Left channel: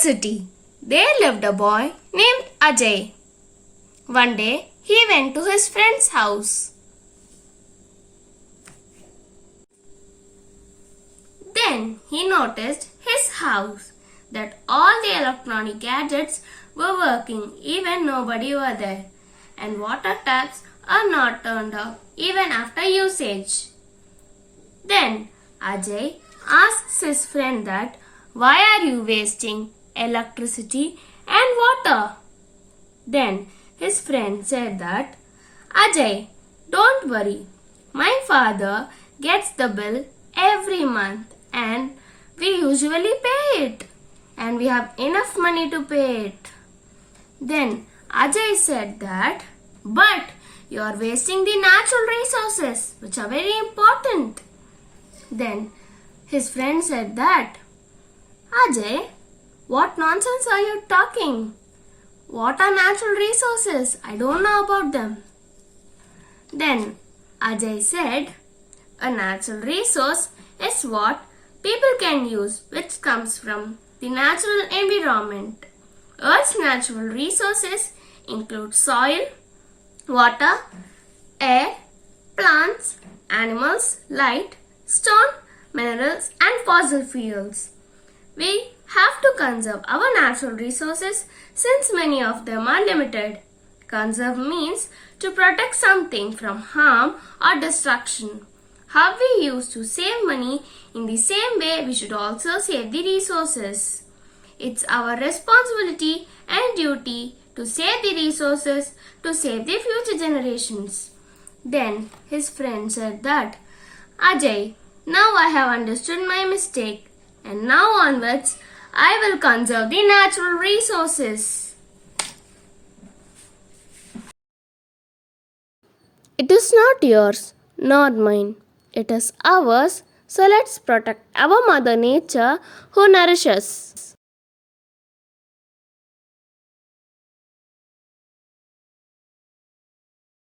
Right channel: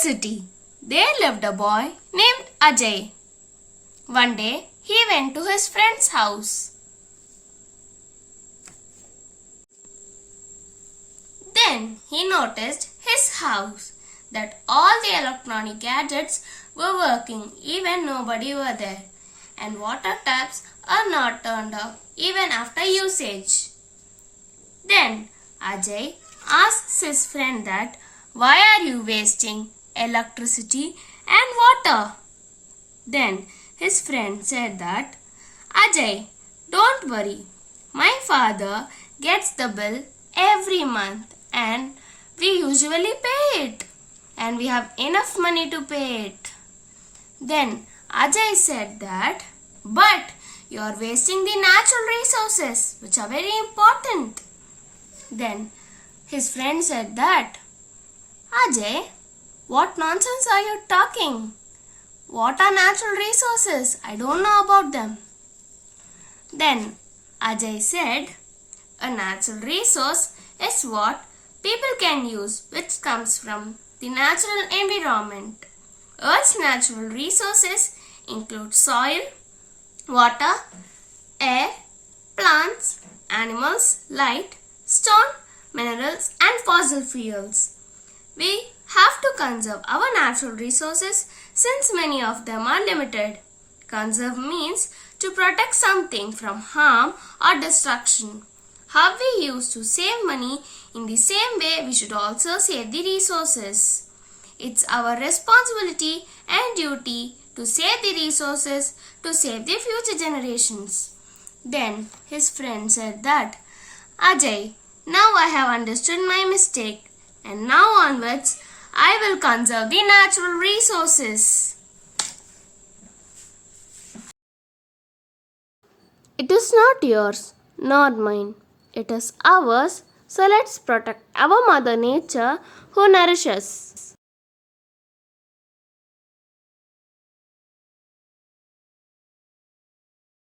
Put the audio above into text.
city, there lived a boy named Ajay. One day, he went to his friend's house. Then he noticed his house that all the electronic gadgets were working even nobody were there, and water taps are not turned off even after usage. Then Ajay asks his friend that why are you wasting electricity and water? Then his friend said that Ajay, don't worry, my father gets the bill every month and we usually pay it and we have enough money to pay it. Then Ajay said that, but you are wasting the natural resources which are very important. Then his friend said that, Ajay, what nonsense are you talking? What are natural resources? I don't know about them. Then Ajay said, a natural resource is what people can use which comes from the natural environment. Earth's natural resources include soil, water, air, plants, animals, light, stone, minerals and fossil fuels. We have to conserve our natural resources since many of them are limited. Conserve means to protect something from harm or destruction. How we used to save money, in the same way we should also save the resources. It's our responsibility and duty to save the resources to save the future generations. Then his friend said that, Ajay, now I have understood my mistake and now onwards I will conserve the natural resources. It is not yours nor mine. It is ours. So let's protect our Mother Nature who nourishes us.